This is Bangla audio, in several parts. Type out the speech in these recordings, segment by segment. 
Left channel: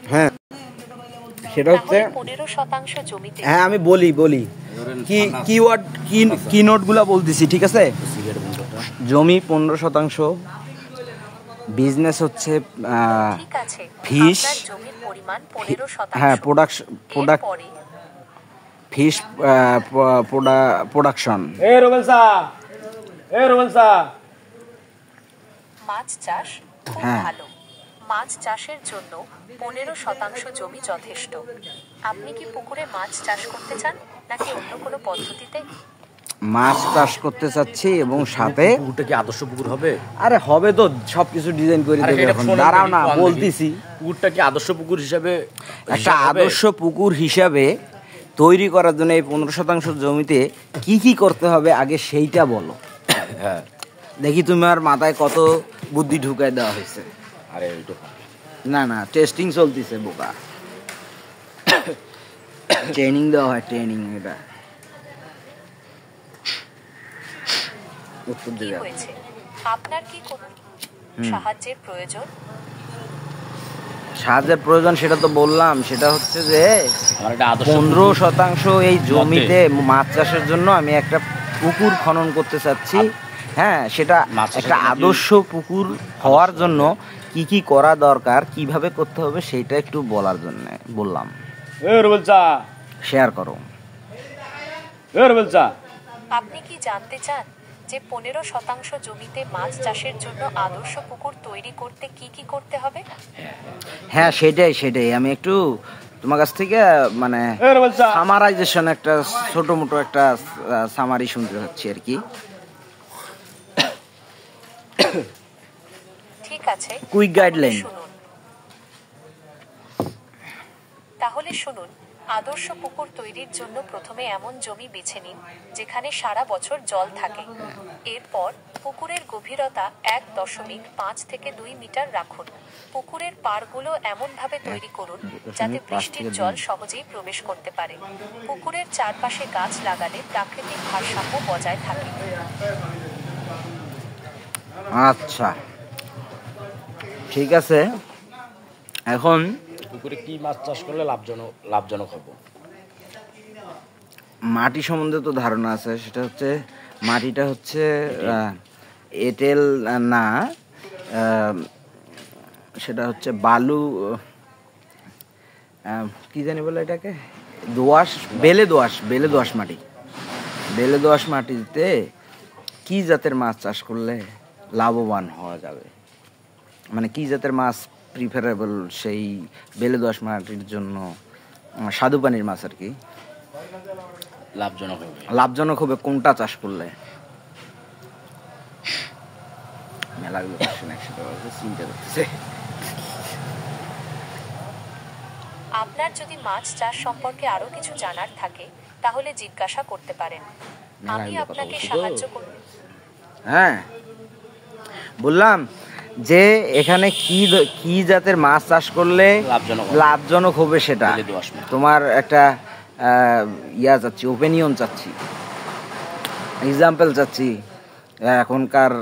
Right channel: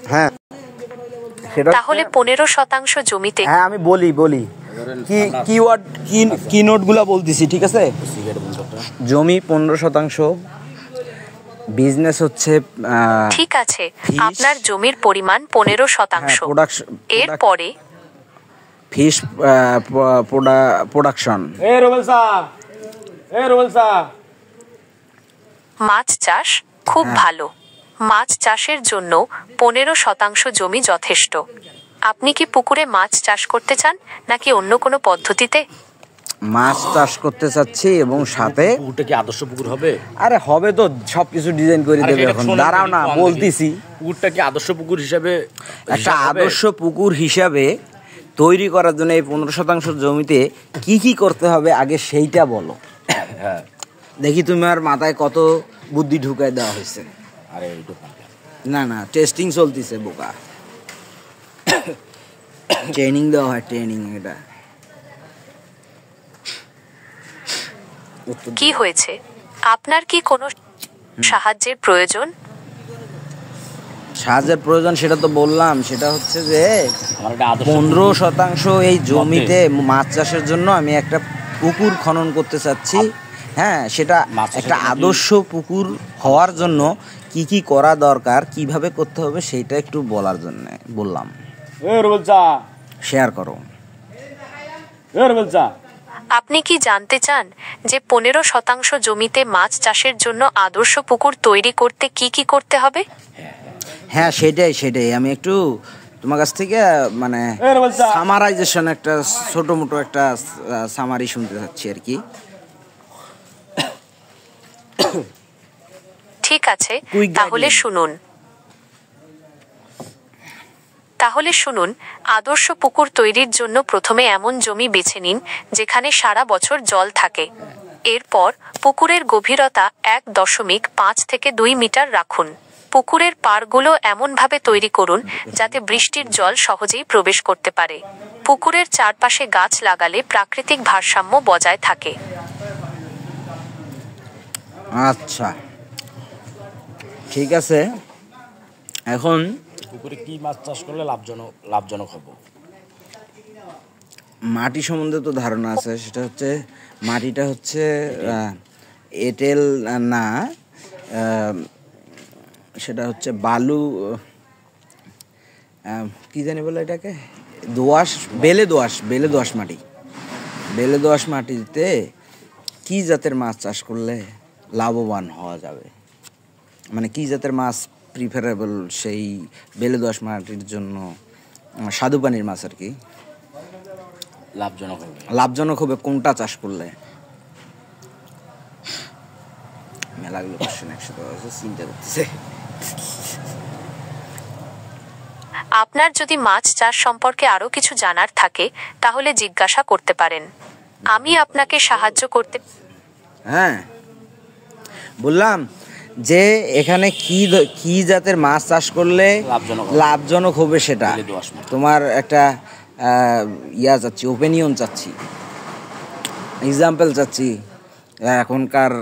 হ্যাঁ সেটা তাহলে 15% জমিতে। হ্যাঁ আমি বলি কি কিওয়ার্ড কি নোটগুলো বলতেছি, ঠিক আছে? জমি 15%, বিজনেস হচ্ছে ঠিক আছে, আপনার জমির পরিমাণ 15%। হ্যাঁ এরপরে ফিশ প্রোডাকশন। মাছ চাষ খুব ভালো। মাছ চাষের জন্য 15% জমি যথেষ্ট। আপনি কি পুকুরে মাছ চাষ করতে চান নাকি অন্য কোনো পদ্ধতিতে? মাছ চাষ করতে চাচ্ছি এবং সাথে পুকুরটা কি আদর্শ পুকুর হবে? আরে হবে তো, সবকিছু ডিজাইন করে দেবে। এখন দাঁড়াও না, বলতেছি। পুকুরটা কি আদর্শ পুকুর হিসাবে একটা আদর্শ পুকুর হিসাবে তৈরি করার জন্য এই 15% জমিতে কি কি করতে হবে আগে সেইটা বলো। হ্যাঁ দেখি তোমার মাথায় কত বুদ্ধি ঢুকায় দেওয়া হয়েছে। আরে না টেস্টিং চলতেছে বোকা, ট্রেনিং দেওয়া হয়, ট্রেনিং। এটা কি হয়েছে? আপনার কি কোনো সাহায্যের প্রয়োজন? সাহায্যের প্রয়োজন সেটা তো বললাম, সেটা হচ্ছে যে 15% এই জমিতে মাছ চাষের জন্য আমি একটা পুকুর খনন করতে চাচ্ছি। হ্যাঁ, সেটা একটা আদর্শ পুকুর হওয়ার জন্য কি কি করা দরকার, কিভাবে করতে হবে সেইটা একটু বলার জন্য বললাম। শেয়ার করো। আপনি কি জানতে চান যে 15% জমিতে মাছ চাষের জন্য আদর্শ পুকুর তৈরি করতে কি কি করতে হবে? হ্যাঁ সেটাই আমি একটু তোমার কাছ থেকে মানে সামারাইজেশন, একটা ছোট মোটো একটা সামারি শুনতে চাচ্ছি আর কি। ঠিক আছে, তাহলে শুনুন। আদর্শ পুকুর তৈরির জন্য প্রথমে এমন জমি বেছে নিন যেখানে সারা বছর জল থাকে। এরপর পুকুরের গভীরতা 1.5 থেকে 2 মিটার রাখুন। পুকুরের পাড়গুলো এমনভাবে তৈরি করুন যাতে বৃষ্টির জল সহজেই প্রবেশ করতে পারে। পুকুরের চারপাশে গাছ লাগালে প্রাকৃতিক ভারসাম্য বজায় থাকে। আচ্ছা ঠিক আছে। এখন পুকুরে কি মাছ চাষ করলে লাভজনক হবে? মাটি সম্বন্ধে তো ধারণা আছে। সেটা হচ্ছে মাটিটা হচ্ছে এঁটেল না, সেটা হচ্ছে বালু, কি জানি বলে এটাকে, দোআঁশ, বেলে দোআঁশ মাটি। বেলে দোআঁশ মাটিতে কি জাতের মাছ চাষ করলে লাভবান হওয়া যাবে, মানে কি জাতের মাছ প্রিফারেবল সেই বেলে দোআঁশ মাটির জন্য? স্বাদু পানির মাছ আর কি লাভজনক হবে কোনটা চাষ করলে? মেলাগুলো কোশ্চেন একসাথে চিন্তা করতেছে। আপনার যদি মাছ চাষ সম্পর্কে আরো কিছু জানার থাকে তাহলে জিজ্ঞাসা করতে পারেন, আমি আপনাকে সাহায্য করতে। হ্যাঁ বললাম যে এখানে কি জাতের মাছ চাষ করলে লাভজনক হবে সেটা তোমার একটা চাচ্ছি, ওপিনিয়ন চাচ্ছি, এক্সাম্পল চাচ্ছি এখনকার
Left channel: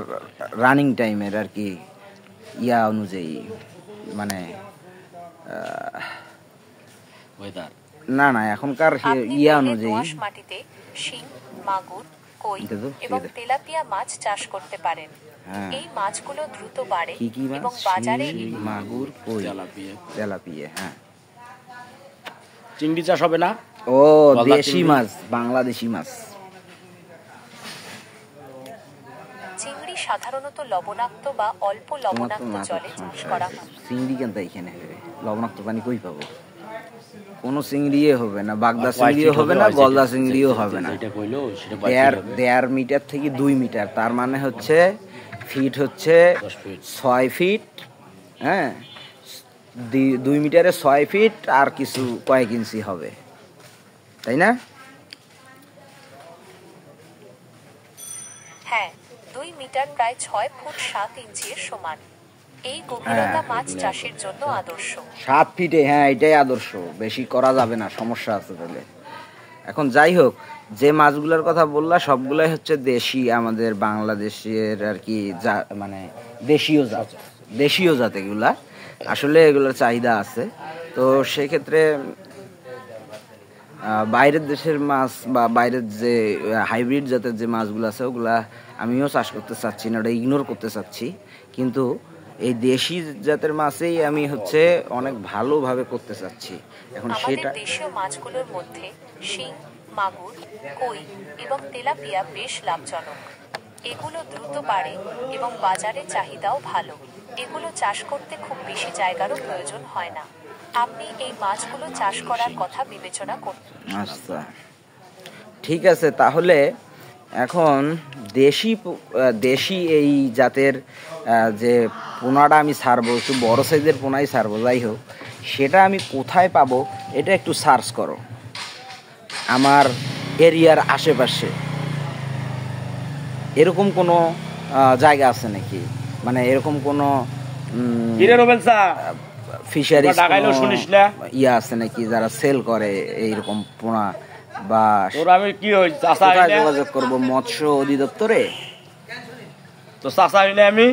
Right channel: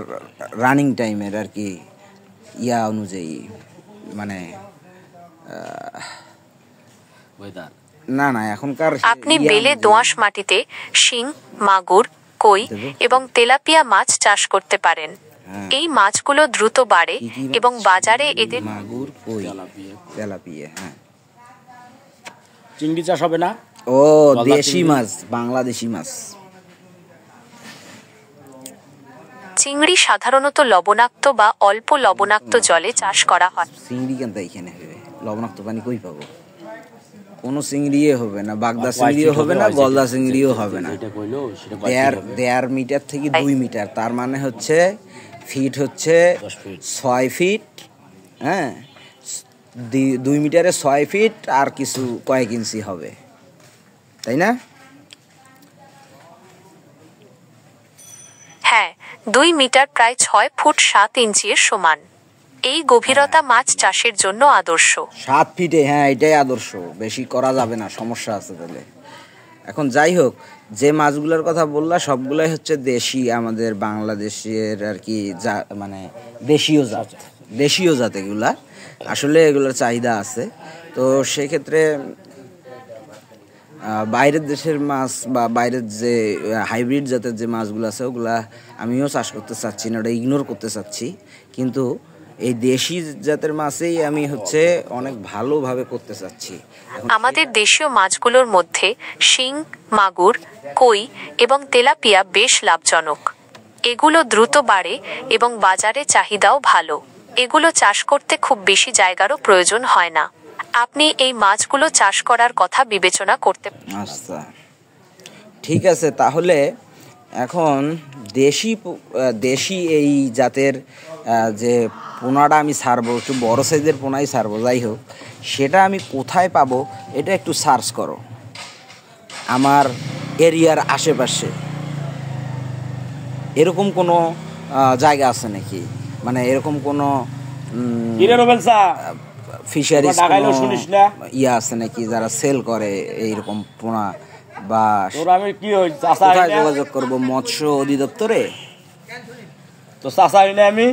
রানিং টাইমের আর কি অনুযায়ী, মানে না এখনকার। আপনি বেলে দোআঁশ মাটিতে শিং, মাগুর, কই এবং তেলাপিয়া মাছ চাষ করতে পারেন। এই মাছগুলো দ্রুত বাড়ে এবং বাজারে এদের মাগুর, কই, তেলাপিয়া। হ্যাঁ, চিংড়ি চাষ হবে না? ও দেশি মাছ, বাংলাদেশি মাছ। চিংড়ি সাধারণত লবণাক্ত বা অল্প লবণাক্ত জলে চাষ করা হয়। চিংড়ি কেন এখানে হবে? লবণাক্ত পানি কই পাবো? কোনো চিংড়ি হবে না, বাগদা চিংড়িও হবে না, গলদা চিংড়িও হবে না। 1.5 মিটার থেকে 2 মিটার, তার মানে হচ্ছে ফিট হচ্ছে 6 ফিট। হ্যাঁ, 2 মিটারে 6 ফিট আর কিছু কয়েক ইঞ্চি হবে, তাই না? হ্যাঁ, 2 মিটার প্রায় 6 ফুট 7 ইঞ্চির সমান। এই গভীরতা মাছ চাষের জন্য আদর্শ। 7 ফিটে, হ্যাঁ এটাই আদর্শ, বেশি করা যাবে না, সমস্যা আছে তাহলে। এখন যাই হোক, যে মাছগুলোর কথা বললা সবগুলাই হচ্ছে দেশি, আমাদের বাংলাদেশের আর কি, মানে দেশীয় জাত এগুলা। আসলে এগুলোর চাহিদা আছে। তো সেক্ষেত্রে বাইরের দেশের মাছ বা বাইরের যে হাইব্রিড জাতের যে মাছগুলো আছে ওগুলা আমিও চাষ করতে চাচ্ছি না, ওটা ইগনোর করতে চাচ্ছি। কিন্তু এই দেশি জাতের মাছেই আমি হচ্ছে অনেক ভালোভাবে করতে চাচ্ছি। আমাদের দেশীয় মাছগুলোর মধ্যে শিং, মাগুর, কই এবং তেলাপিয়া বেশ লাভজনক। এগুলো দ্রুত বাড়ে এবং বাজারে চাহিদাও ভালো। এগুলো চাষ করতে খুব বেশি জায়গারও প্রয়োজন হয় না। আপনি এই মাছগুলো চাষ করার কথা বিবেচনা করতে পারেন। আচ্ছা, ঠিক আছে। তাহলে এখন দেশি এই জাতের যে পোনাটা আমি ছাড়বো, একটু বড় সাইজের পোনাই ছাড়বো, যাই হোক, সেটা আমি কোথায় পাবো এটা একটু সার্চ করো আমার এরিয়ার আশেপাশে। এরকম কোনো জায়গা আছে নাকি, মানে এরকম কোনো ফিশারিজ ইয়ে আছে নাকি যারা সেল করে এইরকম পোনা, বা আমি কি কোথায় যোগাযোগ করবো? মৎস্য অধিদপ্তরে? তো চাষা হইলে আমি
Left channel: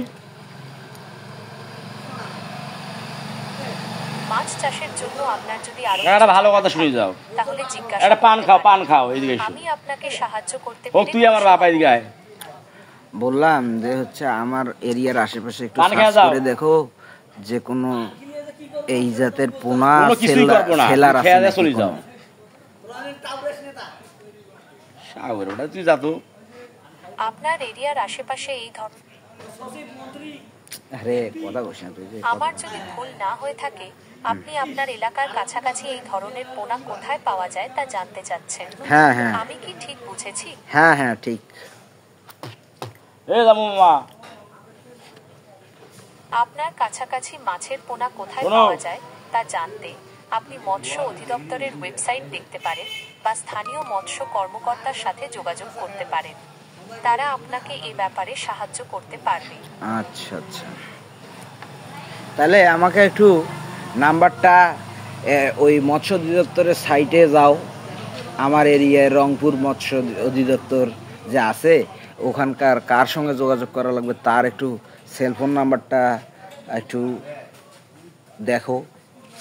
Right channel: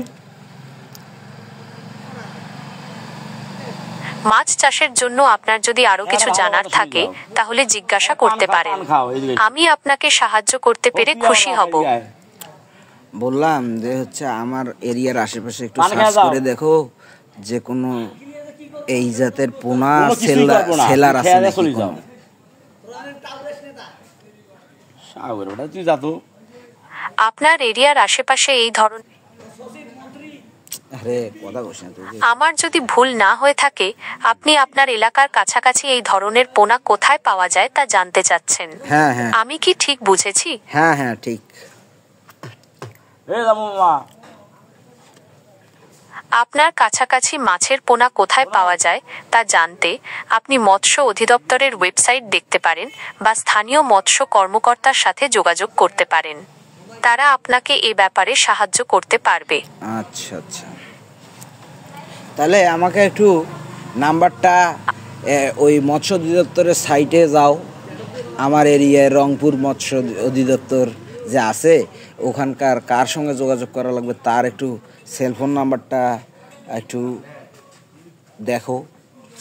মাছ চাষের জন্য আপনার যদি আরো কিছু জানার থাকে তাহলে জিজ্ঞাসা করতে পারেন। আমি আপনাকে সাহায্য করতে পেরে খুশি হব। বললাম যে হচ্ছে আমার এরিয়ার আশেপাশে একটু সার্চ করে দেখো যে কোনো এই জাতের পোনা সেলার আছে নাকি। আপনার এরিয়ার আশেপাশে এই ধরনের, আমার যদি ভুল না হয়ে থাকে, আপনি আপনার এলাকার কাছাকাছি এই ধরনের পোনা কোথায় পাওয়া যায় তা জানতে চাচ্ছেন। হ্যাঁ হ্যাঁ, আমি কি ঠিক বুঝেছি? হ্যাঁ হ্যাঁ ঠিক। আপনার কাছাকাছি মাছের পোনা কোথায় পাওয়া যায় তা জানতে আপনি মৎস্য অধিদপ্তরের ওয়েবসাইট দেখতে পারেন বা স্থানীয় মৎস্য কর্মকর্তার সাথে যোগাযোগ করতে পারেন। তারা আপনাকে এ ব্যাপারে সাহায্য করতে পারবে। আচ্ছা আচ্ছা, তাহলে আমাকে একটু নাম্বারটা, ওই মৎস্য অধিদপ্তরের সাইটে যাও, আমার এরিয়ায় রংপুর মৎস্য অধিদপ্তর যে আছে ওখানকার কার সঙ্গে যোগাযোগ করা লাগবে তার একটু সেলফোন নাম্বারটা একটু দেখো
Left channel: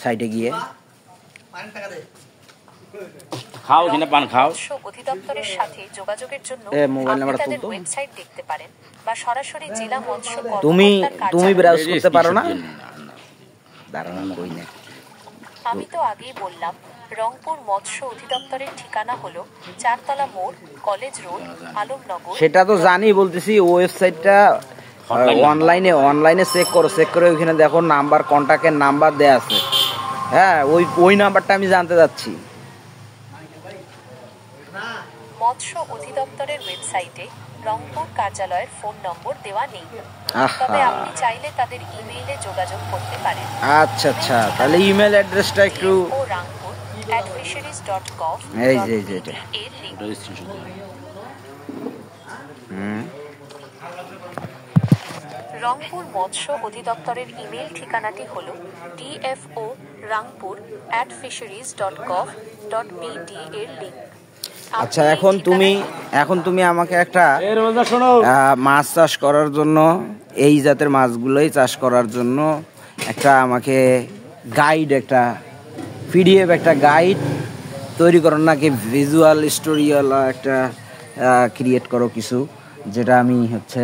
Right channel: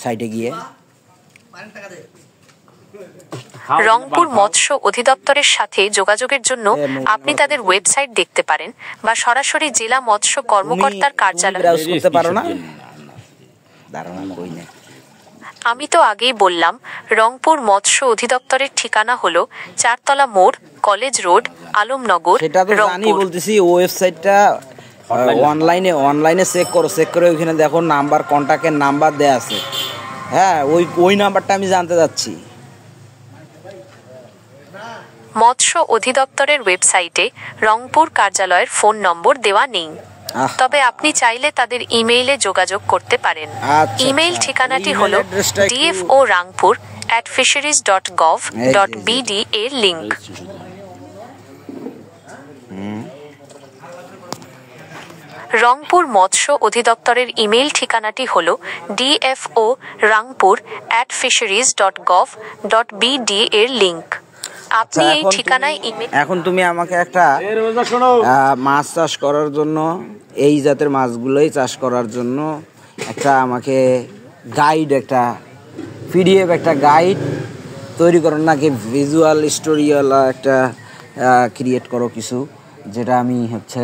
সাইটে গিয়ে। রংপুর মৎস্য অধিদপ্তরের সাথে যোগাযোগের জন্য আপনি তাদের ওয়েবসাইট দেখতে পারেন বা সরাসরি জেলা মৎস্য কর্মকর্তার কার্যালয়ে ব্রাউজ করতে পারো না? আমি তো আগেই বললাম, রংপুর মৎস্য অধিদপ্তরের ঠিকানা হলো 4 তলা মোড়, কলেজ রোড, আলমনগর। সেটা তো জানি, বলতেছি ওয়েবসাইটটা অনলাইনে চেক করে ওইখানে দেখো নাম্বার, কন্ট্যাক্টের নাম্বার দেয়া আছে। হ্যাঁ, ওই নাম্বারটা আমি জানতে চাচ্ছি। মৎস্য অধিদপ্তরের ওয়েবসাইটে রংপুর কার্যালয়ের ফোন নম্বর দেওয়া নেই, তবে আপনি চাইলে তাদের ইমেইলে যোগাযোগ করতে পারেন। ইমেইল ঠিকানাটি হলো dfo.rangpur@fisheries.gov.bd এর লিংক। রংপুর মৎস্য অধিদপ্তরের ইমেইল ঠিকানাটি হলো dfo.rangpur@fisheries.gov.bd এর লিংক। আচ্ছা, এখন তুমি আমাকে একটা মাছ চাষ করার জন্য, এই জাতের মাছগুলোই চাষ করার জন্য একটা আমাকে গাইড, একটা পিডিএফ, একটা গাইড তৈরি করো, নাকি ভিজুয়াল স্টোরিওয়ালা একটা ক্রিয়েট করো কিছু, যেটা আমি হচ্ছে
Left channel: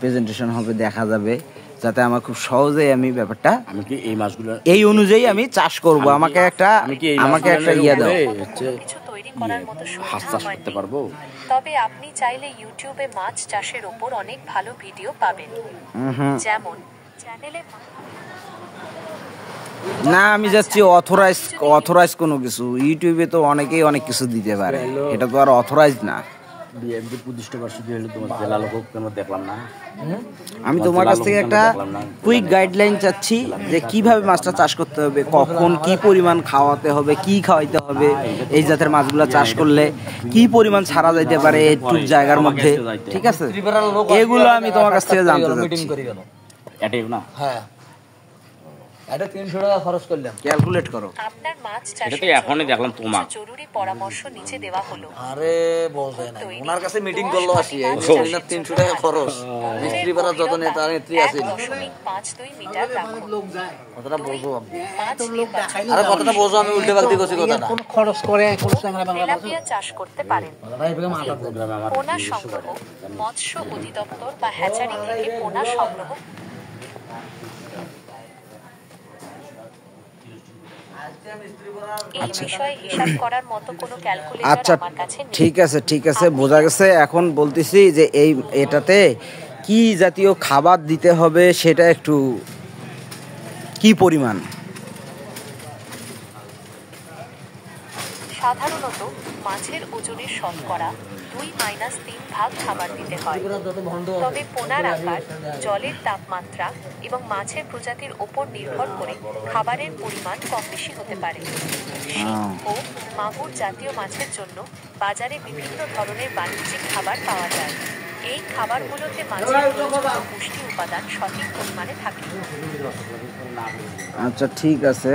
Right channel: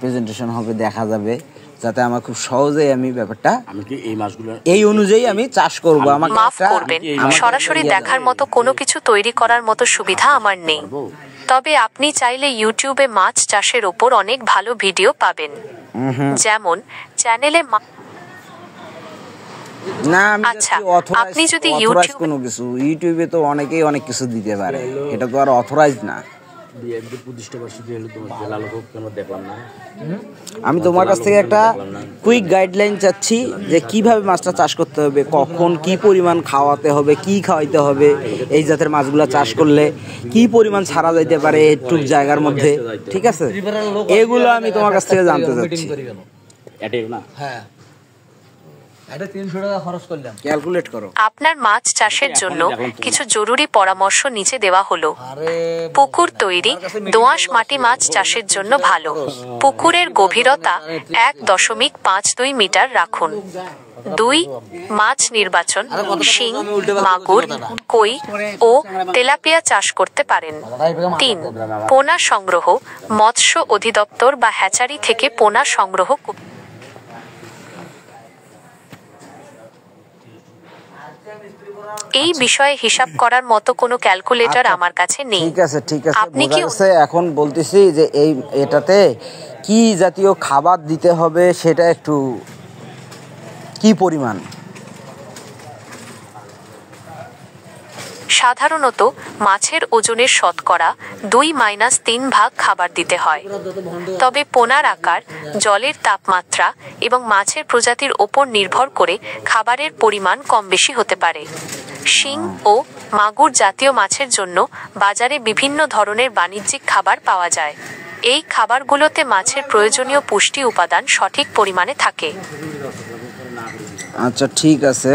প্রেজেন্টেশন হবে, দেখা যাবে, যাতে আমার খুব সহজেই আমি ব্যাপারটা এই অনুযায়ী আমি চাষ করব। আমাকে একটা দেখার মতো কোনো কিছু তৈরি করার মতো সুবিধা আমার নেই, তবে আপনি চাইলে ইউটিউবে মাছ চাষের ওপর অনেক ভালো ভিডিও পাবেন। যেমন চ্যানেলে না, আমি যাচ্ছি অথরাইজ কোনো কিছু। ইউটিউবে তো অনেকেই অনেক কিছু দিতে পারে, এটা তো আর অথরাইজ না। আমি তোমার কাছ থেকে একটা কুইক গাইডলাইন চাচ্ছি যে কিভাবে মাছটা চাষ করতে হবে, কখন কি পরিমাণ খাওয়াতে হবে, কি খাওয়াইতে হবে, এই জাতের মাছগুলো চাষ করলে কি পরিমাণ ছাড়া যাইতে পারে একটু জায়গার মধ্যে। ঠিক আছে, এগুলো আমি তোমার কাছ থেকে জানতে চাচ্ছি। এটা 300 টাকা খরচ করলাম, ক্যালকুলেট করো। আপনার মাছ চাষের জন্য কিছু জরুরি পরামর্শ নিচে দেওয়া হলো। আরে পুকুর তৈরি দোআঁশ মাটি মাছ চাষের জন্য ভালো। পুকুরের গভীরতা 1.52 মিটার রাখুন। 2. মাছ নির্বাচন, শিং, মাগুর, কই ও তেলাপিয়া চাষ করতে পারেন। 3. পোনা সংগ্রহ, মৎস্য অধিদপ্তর বা হ্যাচারি থেকে পোনা সংগ্রহ। এই বিষয়ে হিসাব করার মতো কোনো ক্যালকুলেটর আচ্ছা, আমার কাছে নেই। ঠিক আছে আপনি বোঝা কি- গেছে। এখন বলতেছি যে এটাতে কি জাতীয় খাবার দিতে হবে, সেটা একটু কি পরিমাণ? সাধারণত মাছের ওজনের শতকরা 2-3 ভাগ খাবার দিতে হয়। তবে পোনার আকার, জলের তাপমাত্রা এবং মাছের প্রজাতির ওপর নির্ভর করে খাবারের পরিমাণ কম বেশি হতে পারে। শিং ও মাগুর জাতীয় মাছের জন্য বাজারে বিভিন্ন ধরনের বাণিজ্যিক খাবার পাওয়া যায়। এই খাবারগুলোতে মাছের প্রয়োজনীয় পুষ্টি উপাদান সঠিক পরিমাণে থাকে। আচ্ছা, ঠিক আছে।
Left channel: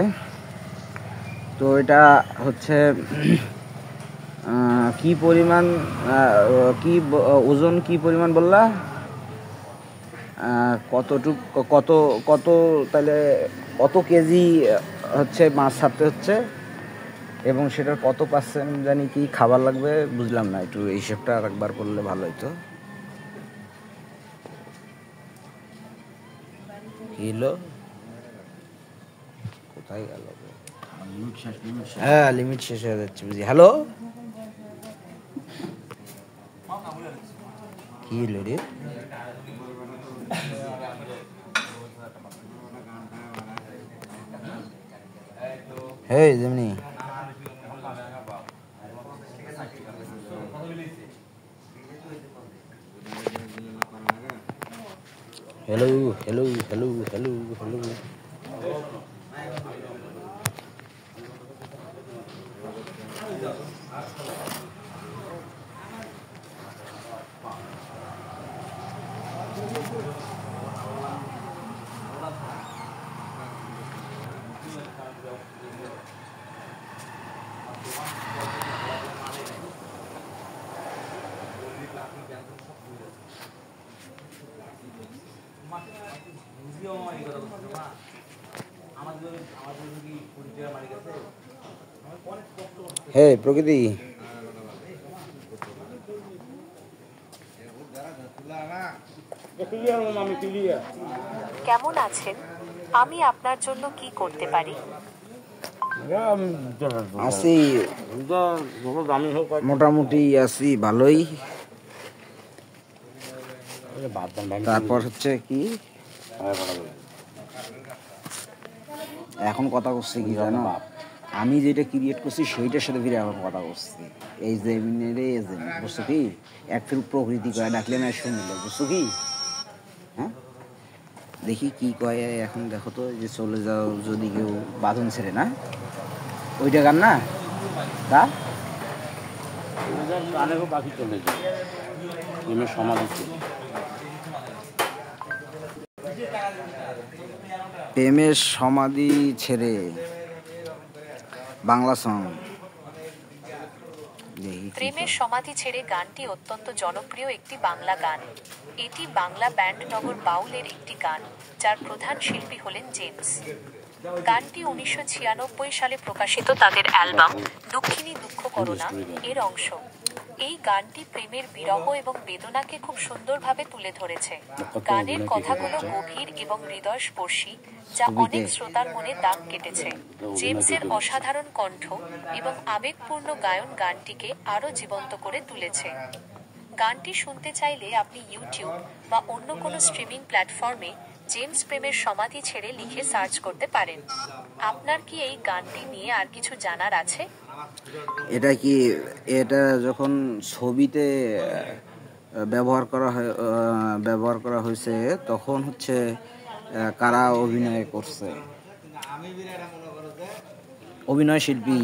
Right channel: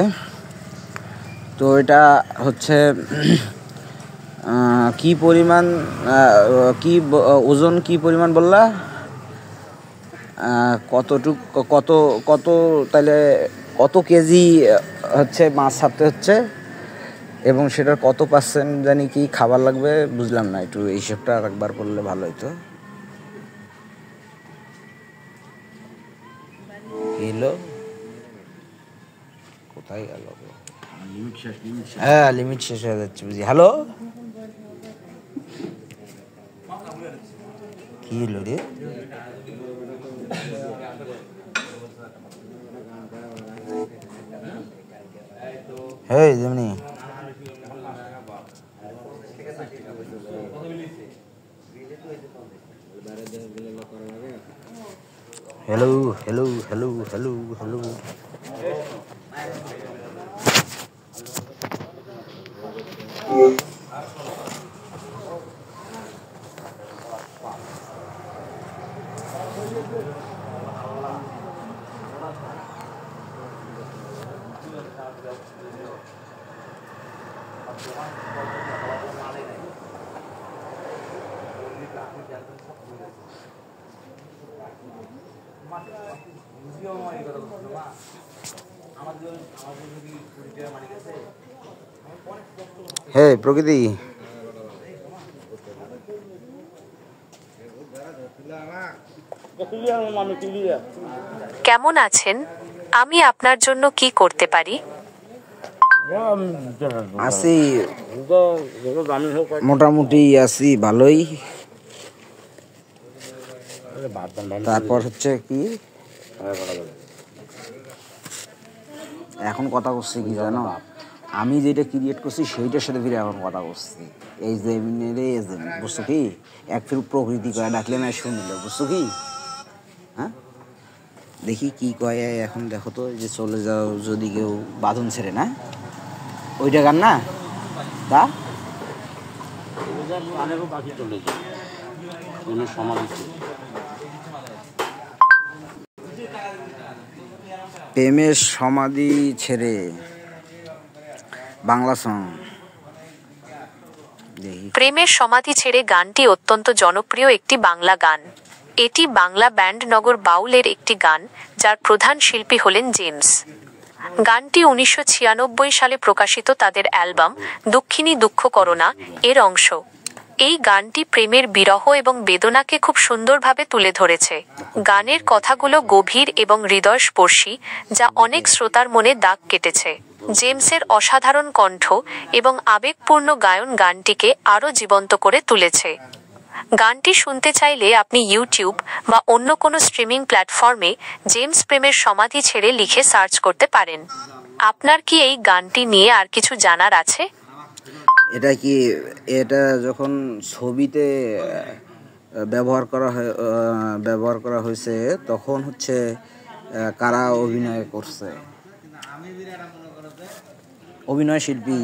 তো এটা হচ্ছে কি পরিমাণ, ওজন কি পরিমাণ বললা? কত তাহলে কত কেজি হচ্ছে মাছ ছাড়তে হচ্ছে, এবং সেটার কত পার্সেন্ট জানি কি খাবার লাগবে, বুঝলাম না। একটু এই হিসেবটা আরেকবার করলে ভালো হতো। এলো কোথায় গেল? হ্যাঁ, লিমিট শেষ হয়ে যাচ্ছে বুঝি। হ্যালো, কি হলো রে? হ্যাঁ, যেমনি hello hello hello hello hello. হ্যাঁ প্রকৃতি, কেমন আছেন? আমি আপনার জন্য কি করতে পারি? আছি মোটামুটি, আছি ভালোই। তারপর হচ্ছে কি, এখন কথা করছি কি জানো, আমি যেটা ক্রিয়েট করছি সেইটার সাথে ফিরে এখন কথা করছি। এই যে বুঝছো কি, এক ফির প্রকৃতি কয়ে ডাকলে না শুনলে, বুঝছো কি? হ্যাঁ, দেখি কি কয় এখন। দেখো তো, যে চলে যাও যদি কেউ বাঁধন ছেড়ে, না ওইটা গান না তা পাখি চলে যায় সমাধি। প্রেমের সমাধি ছেড়ে, বাংলা সং। প্রেমের সমাধি ছেড়ে গানটি অত্যন্ত জনপ্রিয় একটি বাংলা গান। এটি বাংলা ব্যান্ড নগর বাউলের একটি গান, যার প্রধান শিল্পী হলেন জেমস। গানটি 1996 সালে প্রকাশিত তাদের অ্যালবাম দুঃখিনী দুঃখ করোনা এর অংশ। এই গানটি প্রেমের বিরহ এবং বেদনাকে খুব সুন্দরভাবে তুলে ধরেছে। গানের কথাগুলো গভীর এবং হৃদয়স্পর্শী, যা অনেক শ্রোতার মনে দাগ কেটেছে। জেমসের অসাধারণ কণ্ঠ এবং আবেগপূর্ণ গায়ন গানটিকে আরও জীবন্ত করে তুলেছে। গানটি শুনতে চাইলে আপনি ইউটিউব বা অন্য কোনো স্ট্রিমিং প্ল্যাটফর্মে জেমস প্রেমের সমাধি ছেড়ে লিখে সার্চ করতে পারেন। আপনার কি এই গানটি নিয়ে আর কিছু জানার আছে? এটা যখন ছবিতে ব্যবহার করা হয়েছে, তখন হচ্ছে কারা অভিনয় করছে? অভিনয় শিল্পী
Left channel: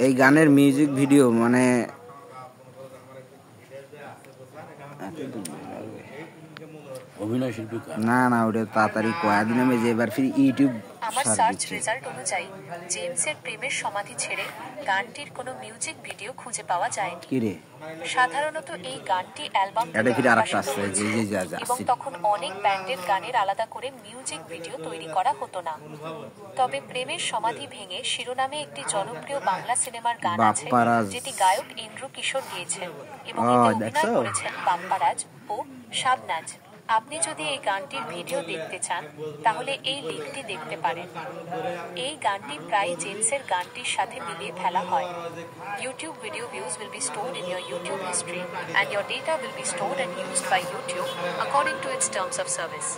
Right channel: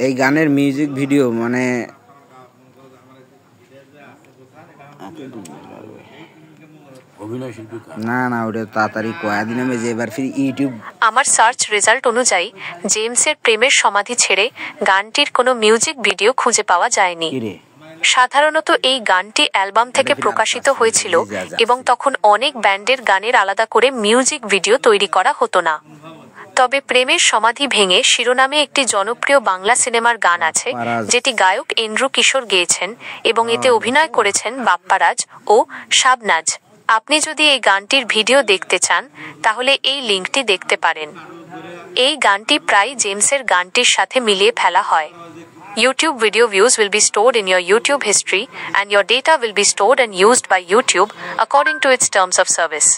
এই গানের মিউজিক ভিডিও, মানে অভিনয় শিল্পী না না, ওটা তাড়াতাড়ি কয়েকদিন আমি যে এবার ফির ইউটিউব আমার সার্চ রেজাল্ট অনুযায়ী জেমসের প্রেমের সমাধি ছেড়ে গানটির কোনো মিউজিক ভিডিও খুঁজে পাওয়া যায়নি। কিরে সাধারণত এই গানটি অ্যালবাম থেকে প্রকাশিত হয়েছিল এবং তখন অনেক ব্যান্ডের গানের আলাদা করে মিউজিক ভিডিও তৈরি করা হতো না। তবে প্রেমের সমাধি ভেঙে শিরোনামে একটি জনপ্রিয় বাংলা সিনেমার গান আছে, যেটি গায়ক এন্ড্রু কিশোর গেয়েছেন এবং এতে অভিনয় করেছেন বাপ্পারাজ ও শাবনাজ। আপনি যদি এই গানটির ভিডিও দেখতে চান তাহলে এই লিঙ্কটি দেখতে পারেন। এই গানটি প্রায় জেমসের গানটির সাথে মিলিয়ে ফেলা হয়। YouTube video views will be stored in your YouTube history and your data will be stored and used by YouTube according to its terms of service.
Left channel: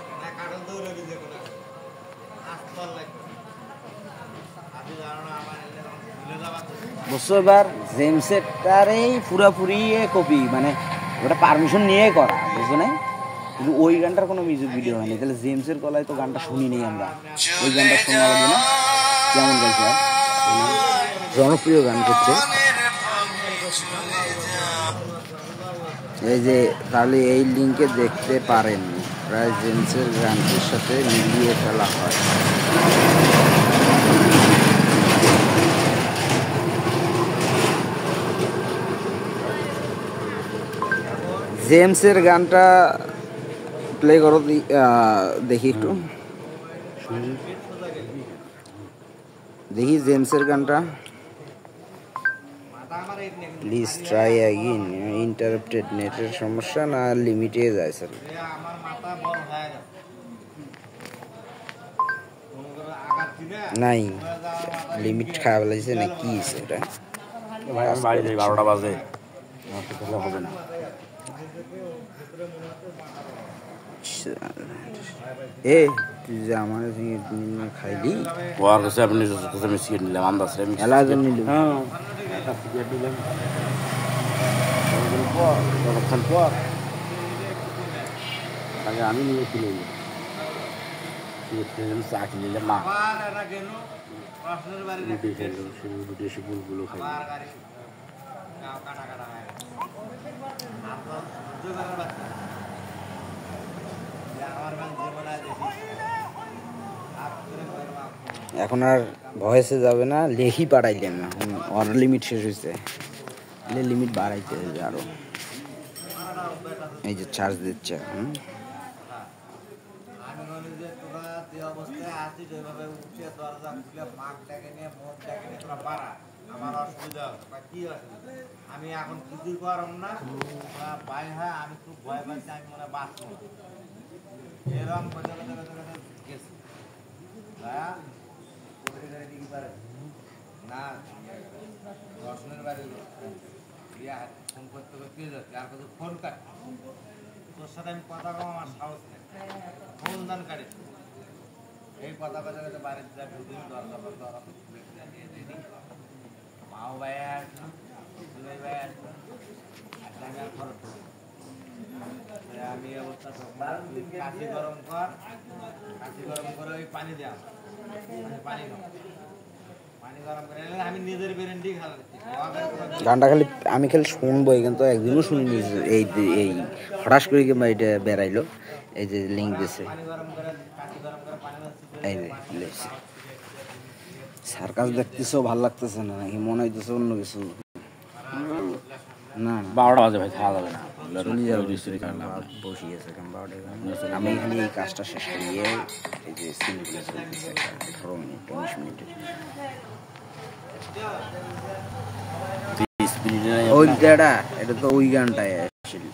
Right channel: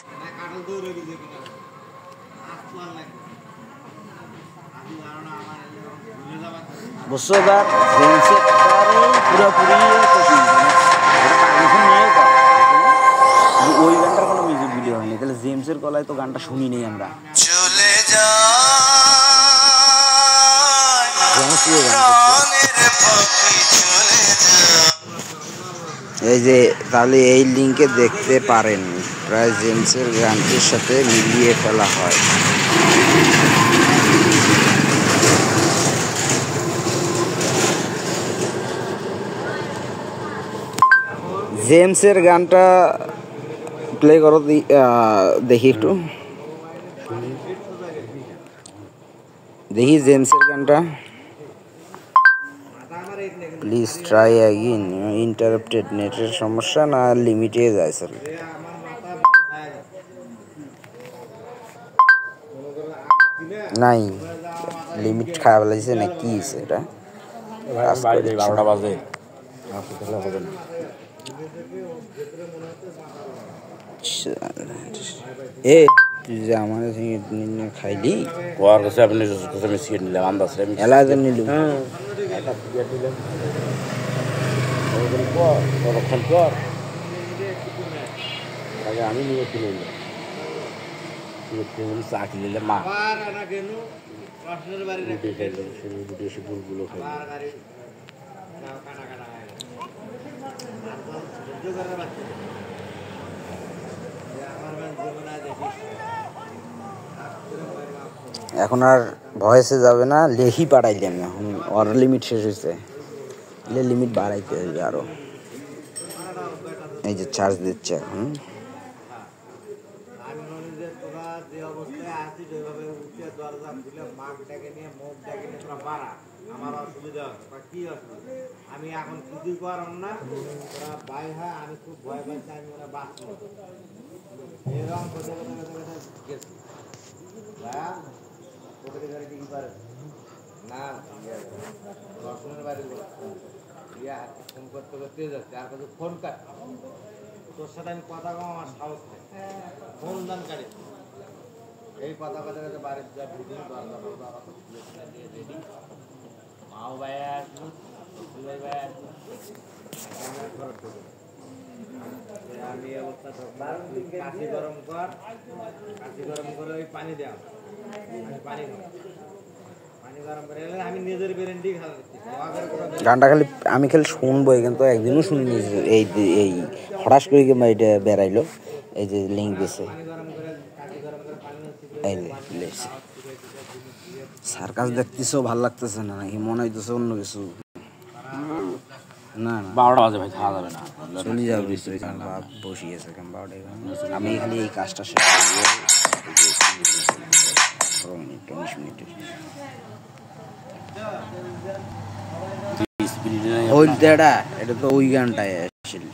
বুঝছো, এবার জেমসেরটারেই পুরোপুরি কপি, মানে ওটা পারমিশন নিয়ে কর, বুঝছো না? ওই গানটার কোনো মিউজিক ভিডিও হয়নি, তাহলে জেমসের গলায় তো গানটা শুনি নেই আমরা। ওই গানটা শোনা লাগবে না? কেমন গাইছে, জনপ্রিয় গান করছে। এই যে তাহলে এই লিঙ্কে দেখতে পারেন, প্রায় জেমসের গানটির সাথে মিলিয়ে ফেলা হয়। জেমসের গানটা প্লে করো, দেখি একটু, দেখি জেমসের গানটা। প্লিজ ট্রাই অ্যাগেন, ইন্টারাপ্টেড, নেটের সমস্যা না লিমিটে যায় স্যার। নাই, লিমিট খারাপ লাগছে না কি হয়েছে এটা? 12টা বাজে, এ তুই যে আমার খাইলি, ওর কাছে আপনি মিশিয়ে নিলাম, আন্দাজ এলাকা নিল। পর আগে আমি নিয়ে কিনে চা কিনলে মা রুটি খাইল, সে রুটি এসে গুলগুলো খাইল। এখন আর ভয়েসে যাবে না, লেখি পাঠাইলেন, এখন ওর লিমিট শেষ হয়েছে, লিমিট বাড়াইতে হবে আরো। এই যে চার্জ দিচ্ছে এখন। আমি এখন কিছু করম না, ওরা বাই হয়, আমি খুব ভয় পাচ্ছি, আমি ওরা বাঁচবো এরকম কথা গেছি কি পারে না। দর্শনের বাড়ি ফোন করতে করতে যাচ্ছে, আর কত ফোন কাট, তোর সাথে আমি কথা কম, আমার সাহস নেই, ফোন দান কাটি এই কথা কথা কথা বাড়ির যা দুদিন দরজা দরজা মাও ভাই আসলো, ভাই ভাই আসলো, আমি অবস্থা কাশি গরম কর, কাশি গরম করে ওই পানি দেওয়া, পানি পানি গরম করে আমি নিজের গ্যারেন্টি খাওয়া। গানটা খালি আমি খালি শুনবো, কিন্তু একদিনও শুনিনি। এই এই হঠাৎ করে কিংবা এটা বেড়াইলো, এই যে লিঙ্ক দিয়েছে, এই যে সার্কাস দেখতেছো, ভাল লাগতেছে না নাকি মনে হইতেছে অন্য কিছু? না না 12টা বাজে ভাই, খাওয়া যাবে না, চলে যাবে, বসিয়েছে। আমি খালি এই কাজটা শেষ করবো, 18 মিনিট 19 মিনিটের। ওই দাদা, এটা তো ওই গানটায় আসছিল।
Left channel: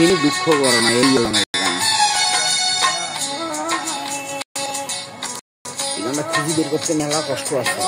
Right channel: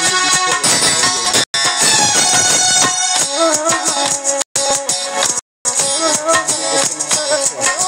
দুঃখিনী দুঃখ করে না, এই খুঁজে করতে মেলা কষ্ট আছে।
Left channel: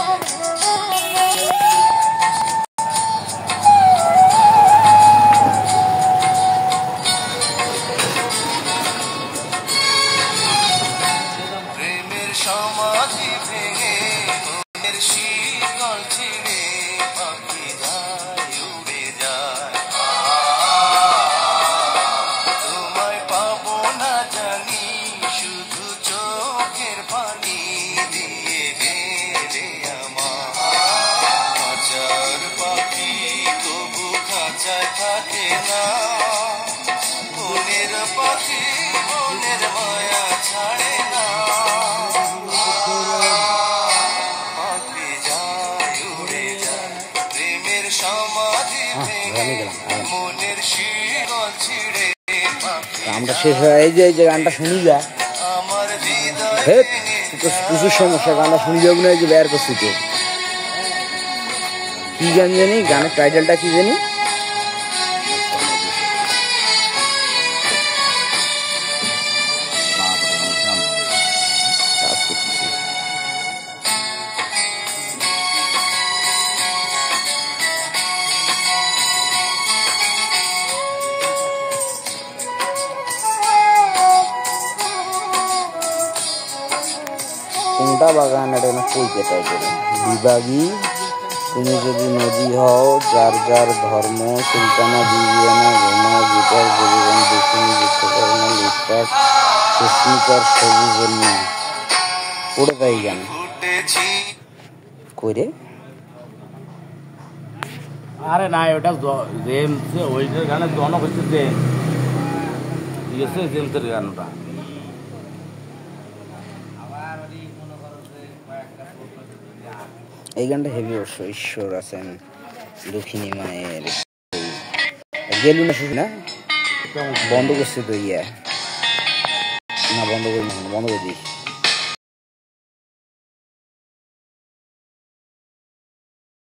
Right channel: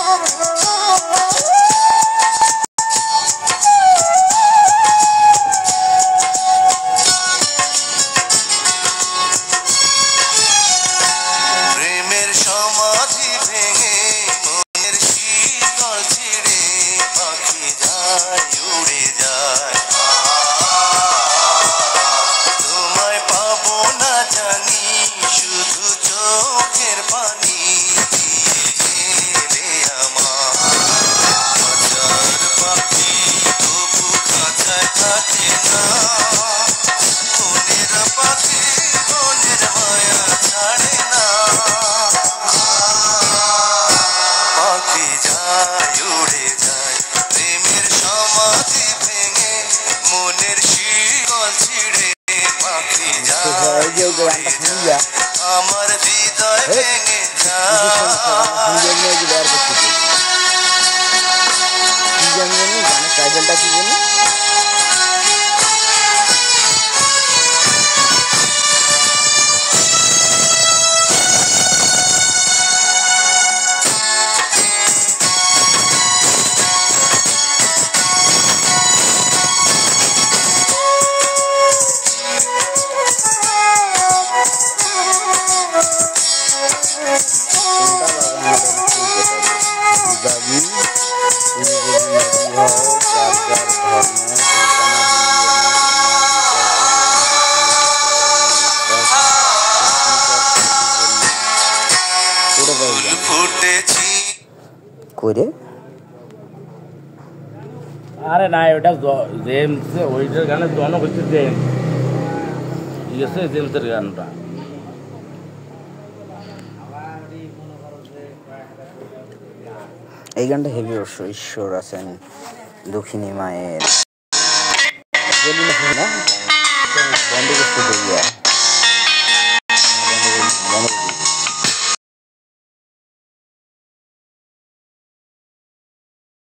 আমরা শেষ হয়ে এই যে গানটা শুনি যা কিছু সমস্যা, গানটা শুনি যাবি না, যে বের করছি তো কি জানি গানের টাইটেলটা কি জানি, কোনটা বাগান এটা না কলকাতা বিভাগী। তুমি যদি নদী হও, যার যার ধর্ম, সুলতানা বিবিয়ানা ঘুমাও, গীতার জীবন দেখিনি বিশ্বকর্মা লুটপাট সুস্মিতার সবুজের না ওটা পাই জানি করে। আরে না, ওটা জেমস, ওইটার গানের জনক হচ্ছে জেমস, ঠিক আছে, জেমসের গানটা। এই গানটা হেভি অবশ্য, ঈশ্বর আছেন, দক্ষিণী মায়ের গেলি না বন্ধ করতে দেরিয়া না, বন্ধ করে দিই।